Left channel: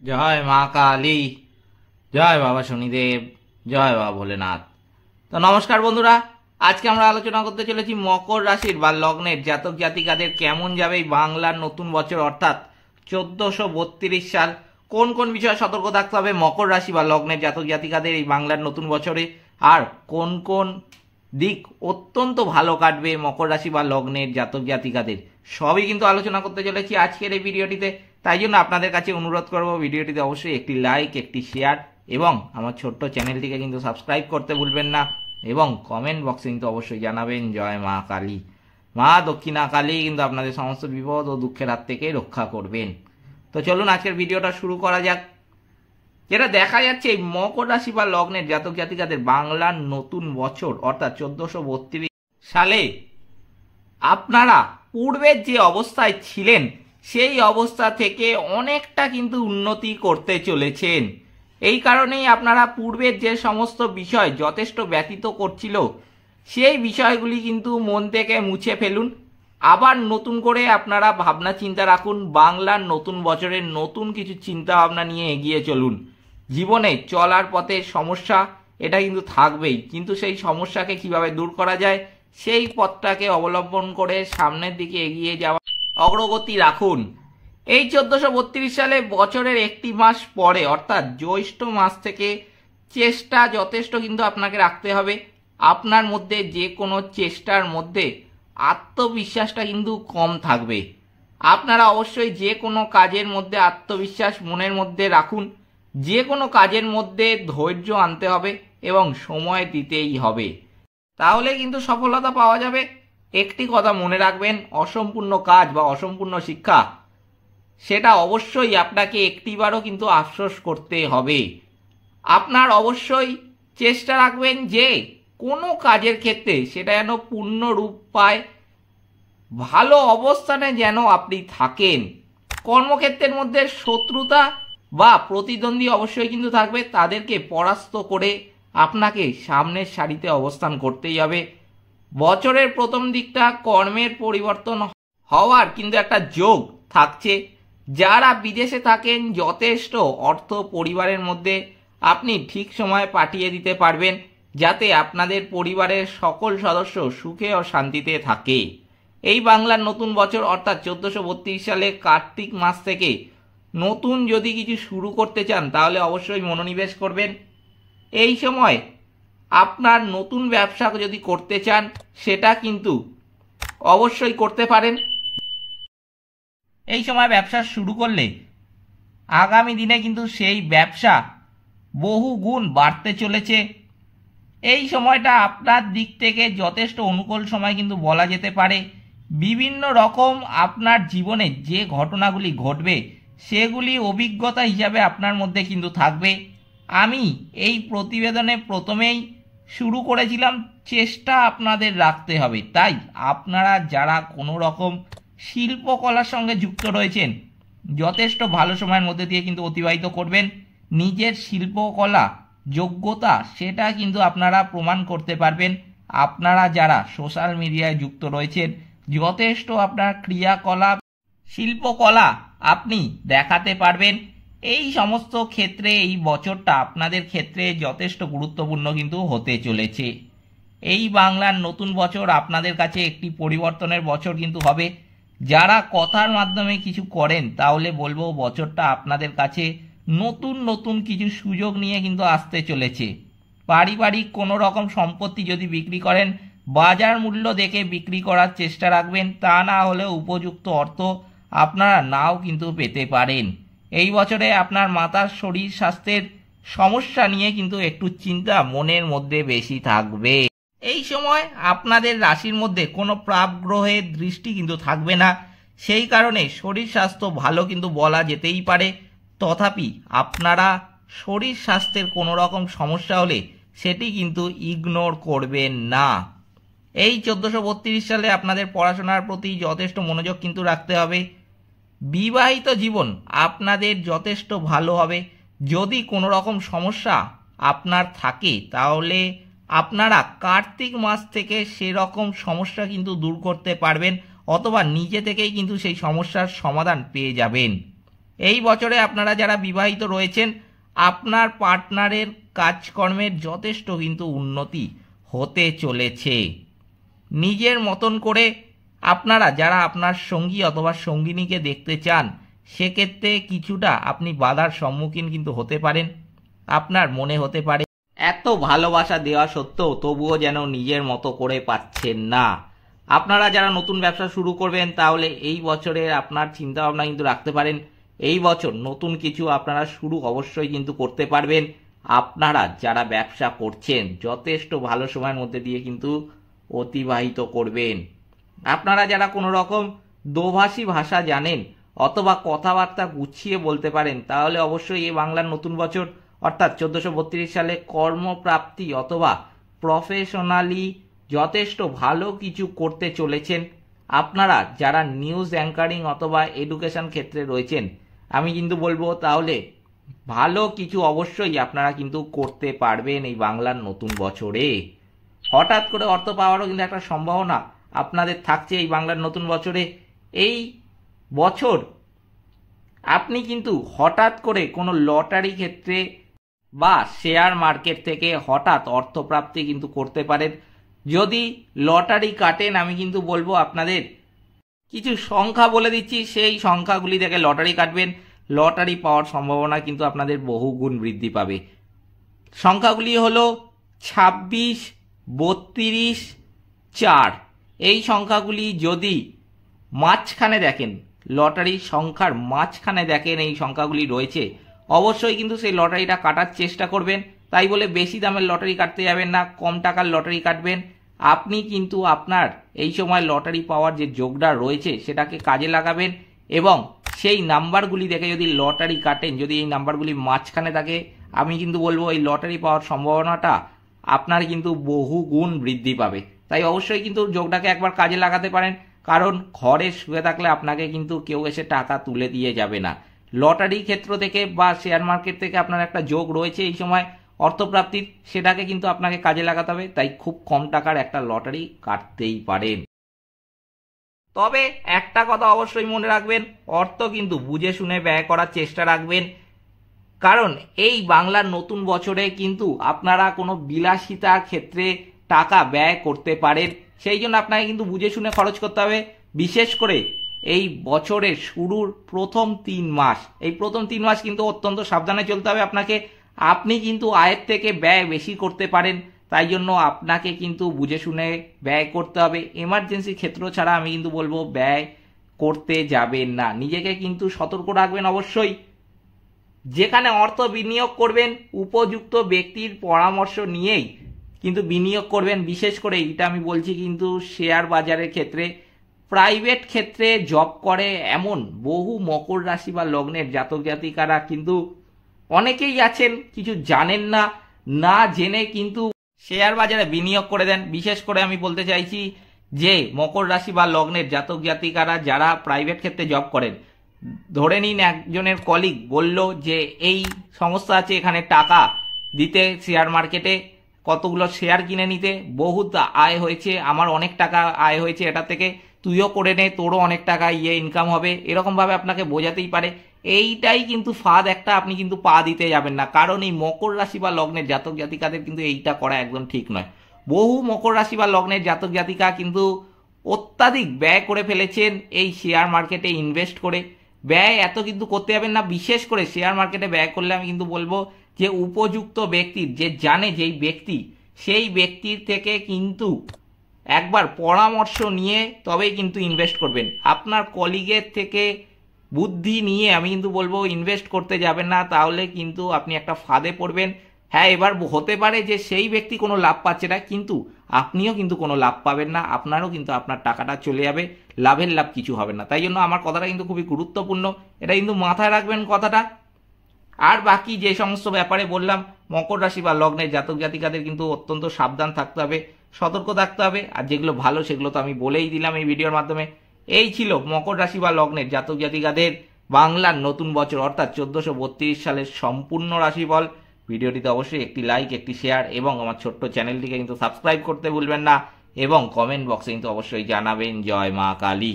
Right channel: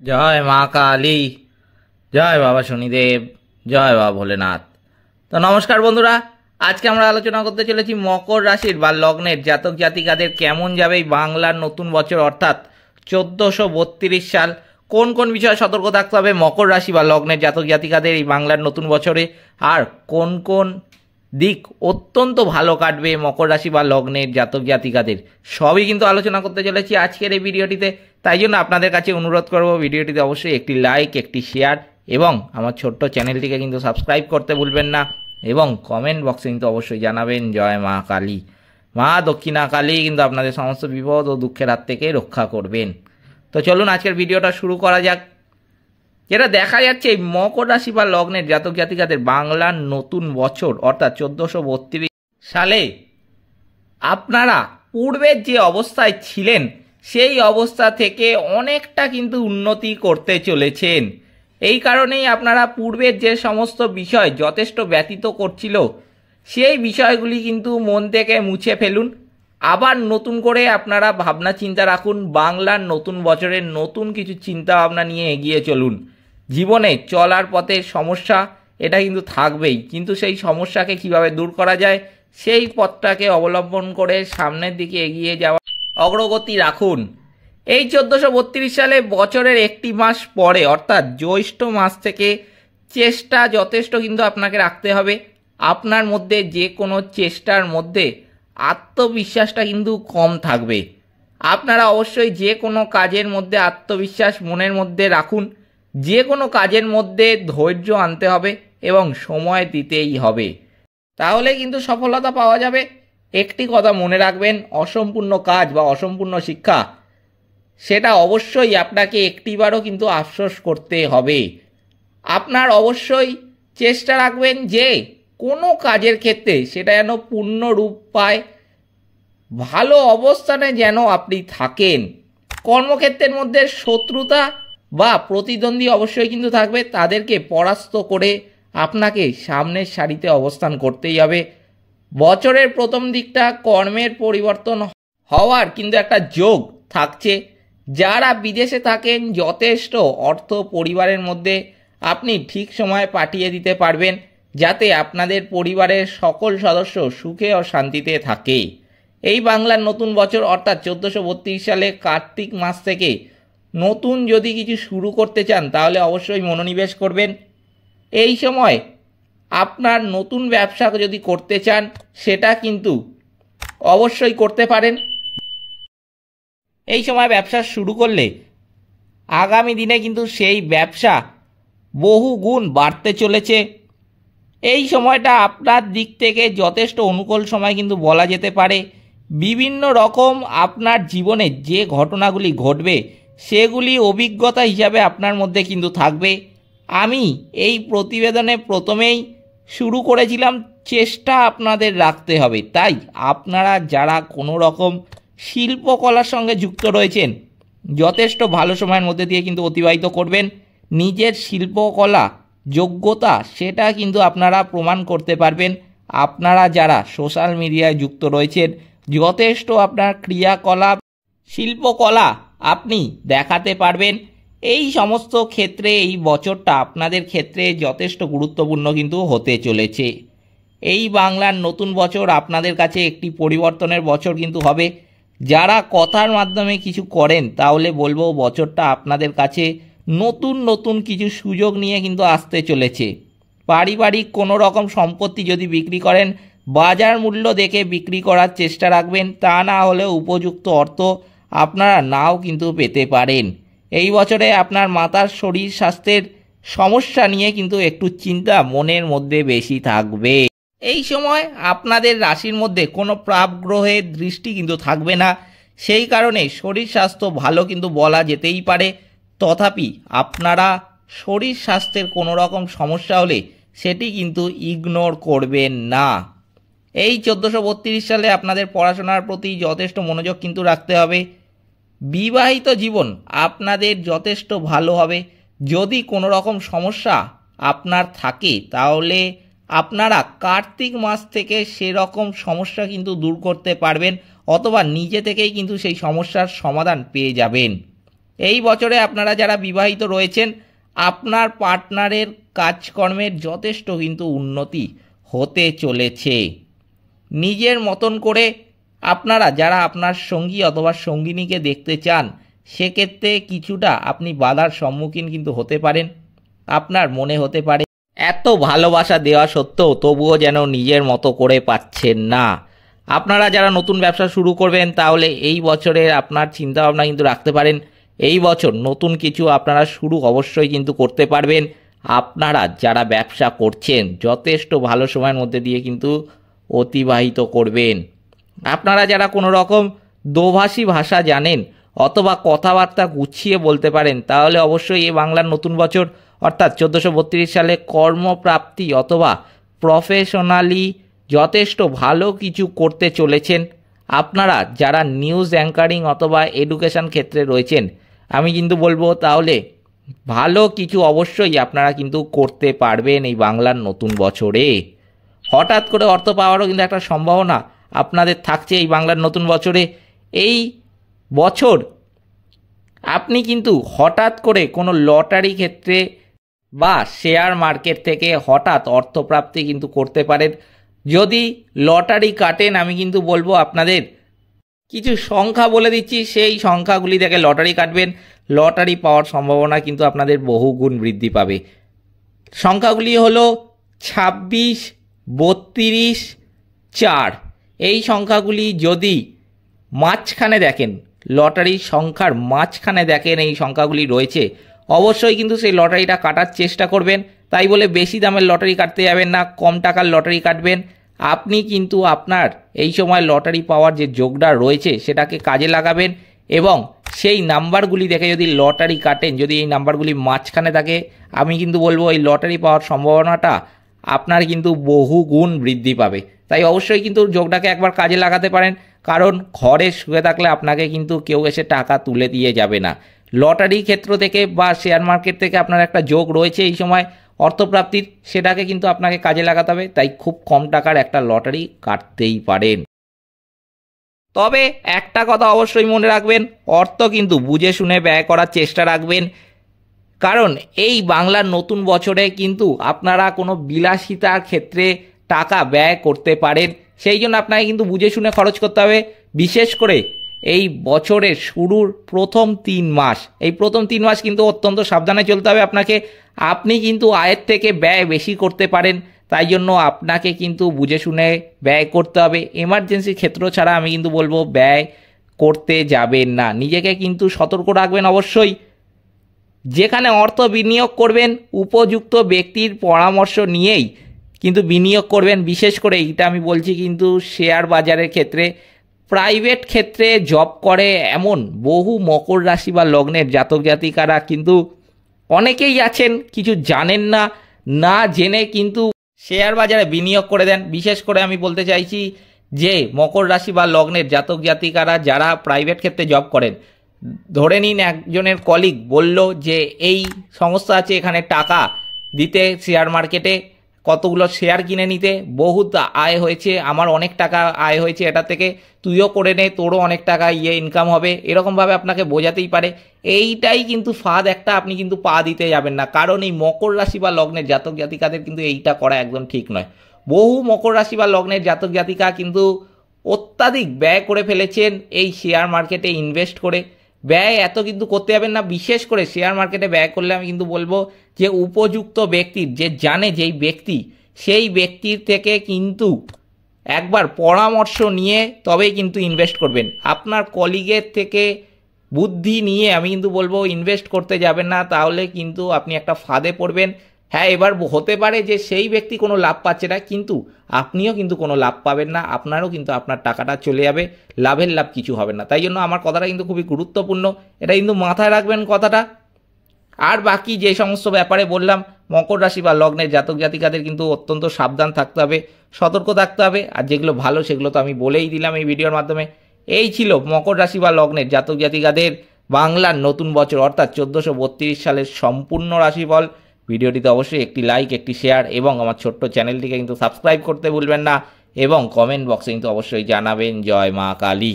জয় মা কালী, জয় বাবা শনিদেব, জয় বাবা ভোলেনাথ। তো নমস্কার বন্ধুরা, আজকে আমরা আলোচনা করতে চলেছি মকর রাশির বা লগ্নের জাতক জাতিকাদের কেমন যাবে এই বাংলার নতুন বছর অর্থাৎ 1432 সাল। কোন কোন বিষয়ে সতর্ক থাকতে হবে মকর রাশি বা লগ্নের জাতক জাতিকাদের এই বাংলার নতুন বছরে, আর কোন কোন দিক অত্যন্ত ভালো কাটবে মকর রাশি বা লগ্নের জাতক জাতিকাদের, সবই কিন্তু আলোচনা করতে চলেছি আজকের এই ভিডিওটিতে। তাই জন্য আপনাদের কাছে অনুরোধ করব ভিডিওটিতে অবশ্যই একটি লাইক, একটি শেয়ার এবং আমার ছোট্ট চ্যানেলটিকে কিন্তু সাবস্ক্রাইব করতে ভুলবেন না, এবং কমেন্ট বক্সে কিন্তু অবশ্যই জানাবেন জয় মা কালী। মা দক্ষিণা কালী কিন্তু আপনাদের সমস্ত বিপদ ও দুঃখের হাত থেকে রক্ষা করবেন। তো চলুন আজকের ভিডিওটা শুরু করা যাক। যেটা দেখা যাচ্ছে এই মকর রাশি বা লগ্নের জাতক জাতিকাদের বাংলার নতুন বছর অর্থাৎ 1432 সালে আপনারা পূর্বের যে অবস্থায় ছিলেন সেই অবস্থা থেকে অনেকটা কিন্তু উন্নতি করতে চলেছেন। এই কারণেই আপনারা পূর্বের যে সমস্ত বিষয় যথেষ্ট ব্যতীত করছিল সেই বিষয়গুলি কিন্তু মন থেকে মুছে ফেলুন। আবার নতুন করে আপনারা ভাবনা চিন্তা রাখুন, বাংলার নতুন বছরের নতুন কিছু চিন্তা ভাবনা নিয়ে এগিয়ে চলুন। জীবনে চলার পথে সমস্যা এটা কিন্তু থাকবেই, কিন্তু সেই সমস্যাকে কিভাবে দূর করা যায় সেই পথটাকে অবলম্বন করে সামনের দিকে এগিয়ে যাওয়া অগ্রগতি রাখুন। এই 1432 সালে বছরের একটি মাস পরে অর্থাৎ জ্যৈষ্ঠ মাস থেকে চেষ্টা যথেষ্ট কিন্তু আপনাকে রাখতে হবে। আপনার মধ্যে যে কোনো চেষ্টার মধ্যে আত্মবিশ্বাসটা কিন্তু কম থাকবে। আপনারা অবশ্যই যে কোনো কাজের মধ্যে আত্মবিশ্বাস মনের মধ্যে রাখুন। যে কোনো কাজের মধ্যে ধৈর্য আনতে হবে এবং সময় দিতেই হবে, তাহলে কিন্তু সফলতা পাওয়া যাবে। একটি কথা মনে রাখবেন, অসম্পূর্ণ কাজ বা অসম্পূর্ণ শিক্ষা সেটা অবশ্যই আপনাকে একটিবারও কিন্তু আফসোস করতে হবে। আপনার অবশ্যই চেষ্টা রাখবেন যে কোনো কাজের ক্ষেত্রে সেটা যেন পূর্ণ রূপ পায়, ভালো অবস্থানে যেন আপনি থাকেন। কর্মক্ষেত্রের মধ্যে শত্রুতা বা প্রতিদ্বন্দ্বী অবশ্যই কিন্তু থাকবে, তাদেরকে পরাস্ত করে আপনাকে সামনের সারিতে অবস্থান করতেই হবে। বছরের প্রথম দিকটা কর্মের পরিবর্তন হওয়ার কিন্তু একটা যোগ থাকছে। যারা বিদেশে থাকেন যথেষ্ট অর্থ পরিবারের মধ্যে আপনি ঠিক সময়ে পাঠিয়ে দিতে পারবেন, যাতে আপনাদের পরিবারের সকল সদস্য সুখে ও শান্তিতে থাকে। এই বাংলার নতুন বছর অর্থাৎ 1432 সালে কার্তিক মাস থেকে নতুন যদি কিছু শুরু করতে চান তাহলে অবশ্যই মনোনিবেশ করবেন। এই সময় আপনার নতুন ব্যবসা যদি করতে চান সেটা কিন্তু অবশ্যই করতে পারেন। এই সময় ব্যবসা শুরু করলে আগামী দিনে কিন্তু সেই ব্যবসা বহু গুণ বাড়তে চলেছে। এই সময়টা আপনার দিক থেকে যথেষ্ট অনুকূল সময় কিন্তু বলা যেতে পারে। বিভিন্ন রকম আপনার জীবনে যে ঘটনাগুলি ঘটবে সেগুলি অভিজ্ঞতা হিসাবে আপনার মধ্যে কিন্তু থাকবে। আমি এই প্রতিবেদনে প্রথমেই শুরু করেছিলাম, চেষ্টা আপনাদের রাখতে হবে। তাই আপনারা যারা কোনো রকম শিল্পকলার সঙ্গে যুক্ত রয়েছেন যথেষ্ট ভালো সময়ের মধ্যে দিয়ে কিন্তু অতিবাহিত করবেন। নিজের শিল্পকলা যোগ্যতা সেটা কিন্তু আপনারা প্রমাণ করতে পারবেন। আপনারা যারা সোশ্যাল মিডিয়ায় যুক্ত রয়েছেন যথেষ্ট আপনার ক্রিয়াকলাপ শিল্পকলা আপনি দেখাতে পারবেন। এই সমস্ত ক্ষেত্রে এই বছরটা আপনাদের ক্ষেত্রে যথেষ্ট গুরুত্বপূর্ণ কিন্তু হতে চলেছে। এই বাংলার নতুন বছর আপনাদের কাছে একটি পরিবর্তনের বছর কিন্তু হবে। যারা কথার মাধ্যমে কিছু করেন তাহলে বলবো বছরটা আপনাদের কাছে নতুন নতুন কিছু সুযোগ নিয়ে কিন্তু আসতে চলেছে। পারিবারিক কোনো রকম সম্পত্তি যদি বিক্রি করেন বাজার মূল্য দেখে বিক্রি করার চেষ্টা রাখবেন, তা না হলে উপযুক্ত অর্থ আপনারা নাও কিন্তু পেতে পারেন। এই বছরে আপনার মাতার শরীর স্বাস্থ্যের সমস্যা নিয়ে কিন্তু একটু চিন্তা মনের মধ্যে বেশি থাকবে। এই সময় আপনাদের রাশির মধ্যে কোনো প্রাপ গ্রহের দৃষ্টি কিন্তু থাকবে না, সেই কারণে শরীর স্বাস্থ্য ভালো কিন্তু বলা যেতেই পারে। তথাপি আপনারা শরীর স্বাস্থ্যের কোনো রকম সমস্যা হলে সেটি কিন্তু ইগনোর করবেন না। এই 1432 সালে আপনাদের পড়াশোনার প্রতি যথেষ্ট মনোযোগ কিন্তু রাখতে হবে। বিবাহিত জীবন আপনাদের যথেষ্ট ভালো হবে। যদি কোনো রকম সমস্যা আপনার থাকে তাহলে আপনারা কার্তিক মাস থেকে সেরকম সমস্যা কিন্তু দূর করতে পারবেন, অথবা নিজে থেকেই কিন্তু সেই সমস্যার সমাধান পেয়ে যাবেন। এই বছরে আপনারা যারা বিবাহিত রয়েছেন আপনার পার্টনারের কাজকর্মের যথেষ্ট কিন্তু উন্নতি হতে চলেছে। নিজের মতন করে আপনারা যারা আপনার সঙ্গী অথবা সঙ্গিনীকে দেখতে চান সেক্ষেত্রে কিছুটা আপনি বাধার সম্মুখীন কিন্তু হতে পারেন। আপনার মনে হতে পারে এত ভালোবাসা দেওয়া সত্ত্বেও তবুও যেন নিজের মতো করে পাচ্ছেন না। আপনারা যারা নতুন ব্যবসা শুরু করবেন তাহলে এই বছরে আপনার চিন্তাভাবনা কিন্তু রাখতে পারেন এই বছর নতুন কিছু আপনারা শুরু অবশ্যই কিন্তু করতে পারবেন। আপনারা যারা ব্যবসা করছেন যথেষ্ট ভালো সময়ের মধ্যে দিয়ে কিন্তু অতিবাহিত করবেন। আপনারা যারা কোনো রকম দোভাষী ভাষা জানেন অথবা কথাবার্তা গুছিয়ে বলতে পারেন তাহলে অবশ্যই এই বাংলার নতুন বছর অর্থাৎ 1432 সালে কর্মপ্রাপ্তি অথবা প্রফেশনালি যথেষ্ট ভালো কিছু করতে চলেছেন। আপনারা যারা নিউজ অ্যাঙ্কারিং অথবা এডুকেশন ক্ষেত্রে রয়েছেন আমি কিন্তু বলবো তাহলে ভালো কিছু অবশ্যই আপনারা কিন্তু করতে পারবেন এই বাংলার নতুন বছরে। হঠাৎ করে অর্থ পাওয়ারও কিন্তু একটা সম্ভাবনা আপনাদের থাকছে এই বাংলার নতুন বছরে। এই বছর আপনি কিন্তু হঠাৎ করে কোনো লটারি ক্ষেত্রে বা শেয়ার মার্কেট থেকে হঠাৎ অর্থপ্রাপ্তি কিন্তু করতে পারেন। যদি লটারি কাটেন আমি কিন্তু বলবো আপনাদের কিছু সংখ্যা বলে দিচ্ছি, সেই সংখ্যাগুলি থেকে লটারি কাটবেন, লটারি পাওয়ার সম্ভাবনা কিন্তু আপনাদের বহুগুণ বৃদ্ধি পাবে। সংখ্যাগুলি হলো 26, 32, 4। এই সংখ্যাগুলি যদি মাঝখানে দেখেন, লটারির সংখ্যার মাঝখানে দেখেন এই সংখ্যাগুলি রয়েছে, অবশ্যই কিন্তু সেই লটারিটা কাটার চেষ্টা করবেন। তাই বলে বেশি দামের লটারি কাটতে যাবেন না, কম টাকার লটারি কাটবেন। আপনি কিন্তু আপনার এই সময় লটারি পাওয়ার যে যোগটা রয়েছে সেটাকে কাজে লাগাবেন এবং সেই নাম্বারগুলি দেখে যদি লটারি কাটেন, যদি এই নাম্বারগুলি মাঝখানে থাকে আমি কিন্তু বলবো এই লটারি পাওয়ার সম্ভাবনাটা আপনার কিন্তু বহু গুণ বৃদ্ধি পাবে। তাই অবশ্যই কিন্তু যোগটাকে একবার কাজে লাগাতে পারেন, কারণ ঘরে শুয়ে থাকলে আপনাকে কিন্তু কেউ এসে টাকা তুলে দিয়ে যাবে না। লটারি ক্ষেত্র থেকে বা শেয়ার মার্কেট থেকে আপনার একটা যোগ রয়েছে এই সময় অর্থপ্রাপ্তির, সেটাকে কিন্তু আপনাকে কাজে লাগাতে হবে। তাই খুব কম টাকার একটা লটারি কাটতেই পারেন। তবে একটা কথা অবশ্যই মনে রাখবেন, অর্থ কিন্তু বুঝে শুনে ব্যয় করার চেষ্টা রাখবেন, কারণ এই বাংলার নতুন বছরে কিন্তু আপনারা কোনো বিলাসিতার ক্ষেত্রে টাকা ব্যয় করতে পারেন। সেই জন্য আপনাকে কিন্তু বুঝে শুনে খরচ করতে হবে। বিশেষ করে এই বছরের শুরুর প্রথম 3 মাস, এই প্রথম 3 মাস কিন্তু অত্যন্ত সাবধানে চলতে হবে আপনাকে। আপনি কিন্তু আয়ের থেকে ব্যয় বেশি করতে পারেন, তাই জন্য আপনাকে কিন্তু বুঝে শুনে ব্যয় করতে হবে। এমার্জেন্সি ক্ষেত্র ছাড়া আমি কিন্তু বলবো ব্যয় করতে যাবেন না। নিজেকে কিন্তু সতর্ক রাখবেন অবশ্যই। যেখানে অর্থ বিনিয়োগ করবেন উপযুক্ত ব্যক্তির পরামর্শ নিয়েই কিন্তু বিনিয়োগ করবেন। বিশেষ করে এটা আমি বলছি কিন্তু শেয়ার বাজারের ক্ষেত্রে। প্রাইভেট ক্ষেত্রে জব করে এমন বহু মকর রাশি বা লগ্নের জাতক জাতিকারা কিন্তু অনেকেই আছেন, কিছু জানেন না, না জেনে কিন্তু শেয়ার বাজারে বিনিয়োগ করে দেন। বিশেষ করে আমি বলতে চাইছি যে মকর রাশি বা লগ্নের জাতক জাতিকারা যারা প্রাইভেট ক্ষেত্রে জব করেন, ধরে নিন একজনের কলিগ বলল যে এই সংস্থা আছে, এখানে টাকা দিতে শেয়ার মার্কেটে কতগুলো শেয়ার কিনে নিতে, বহুত আয় হয়েছে, আমার অনেক টাকা আয় হয়েছে এটা থেকে, তুইও করে নে, তোরও অনেক টাকা ইনকাম হবে, এরকমভাবে আপনাকে বোঝাতেই পারে। এইটাই কিন্তু ফাঁদ একটা, আপনি কিন্তু পা দিতে যাবেন না, কারণ এই মকর রাশি বা লগ্নের জাতক জাতিকাদের কিন্তু এইটা করা একদম ঠিক নয়। বহু মকর রাশি বা লগ্নের জাতক জাতিকা কিন্তু অত্যাধিক ব্যয় করে ফেলেছেন এই শেয়ার মার্কেটে ইনভেস্ট করে। ব্যয় এত কিন্তু করতে যাবেন না। বিশেষ করে শেয়ার মার্কেটে ব্যয় করলে আমি কিন্তু বলবো যে উপযুক্ত ব্যক্তির, যে জানে যেই ব্যক্তি, সেই ব্যক্তির থেকে কিন্তু একবার পরামর্শ নিয়ে তবেই কিন্তু ইনভেস্ট করবেন। আপনার কলিগের থেকে বুদ্ধি নিয়ে আমি কিন্তু বলবো ইনভেস্ট করতে যাবেন না, তাহলে কিন্তু আপনি একটা ফাঁদে পড়বেন। হ্যাঁ, এবার হতে পারে যে সেই ব্যক্তি কোনো লাভ পাচ্ছে না, কিন্তু আপনিও কিন্তু কোনো লাভ পাবেন না, আপনারও কিন্তু আপনার টাকাটা চলে যাবে, লাভের লাভ কিছু হবে না। তাই জন্য আমার কথাটা কিন্তু খুবই গুরুত্বপূর্ণ, এটা কিন্তু মাথায় রাখবেন কথাটা। আর বাকি যে সমস্ত ব্যাপারে বললাম মকর রাশি বা লগ্নের জাতক জাতিকাদের কিন্তু অত্যন্ত সাবধান থাকতে হবে, সতর্ক থাকতে হবে। আর যেগুলো ভালো সেগুলো তো আমি বলেই দিলাম এই ভিডিওর মাধ্যমে। এই ছিল মকর রাশি বা লগ্নের জাতক জাতিকাদের বাংলার নতুন বছর অর্থাৎ 1432 সালের সম্পূর্ণ রাশিফল। ভিডিওটিতে অবশ্যই একটি লাইক, একটি শেয়ার এবং আমার ছোট্ট চ্যানেলটিকে কিন্তু সাবস্ক্রাইব করতে ভুলবেন না এবং কমেন্ট বক্সে কিন্তু অবশ্যই জানাবেন জয় মা কালী।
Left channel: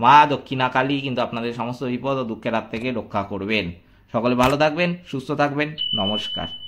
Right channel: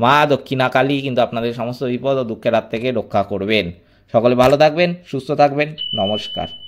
মা দক্ষিণা কালী কিন্তু আপনাদের সমস্ত বিপদ ও দুঃখের হাত থেকে রক্ষা করবেন। সকলে ভালো থাকবেন, সুস্থ থাকবেন। নমস্কার।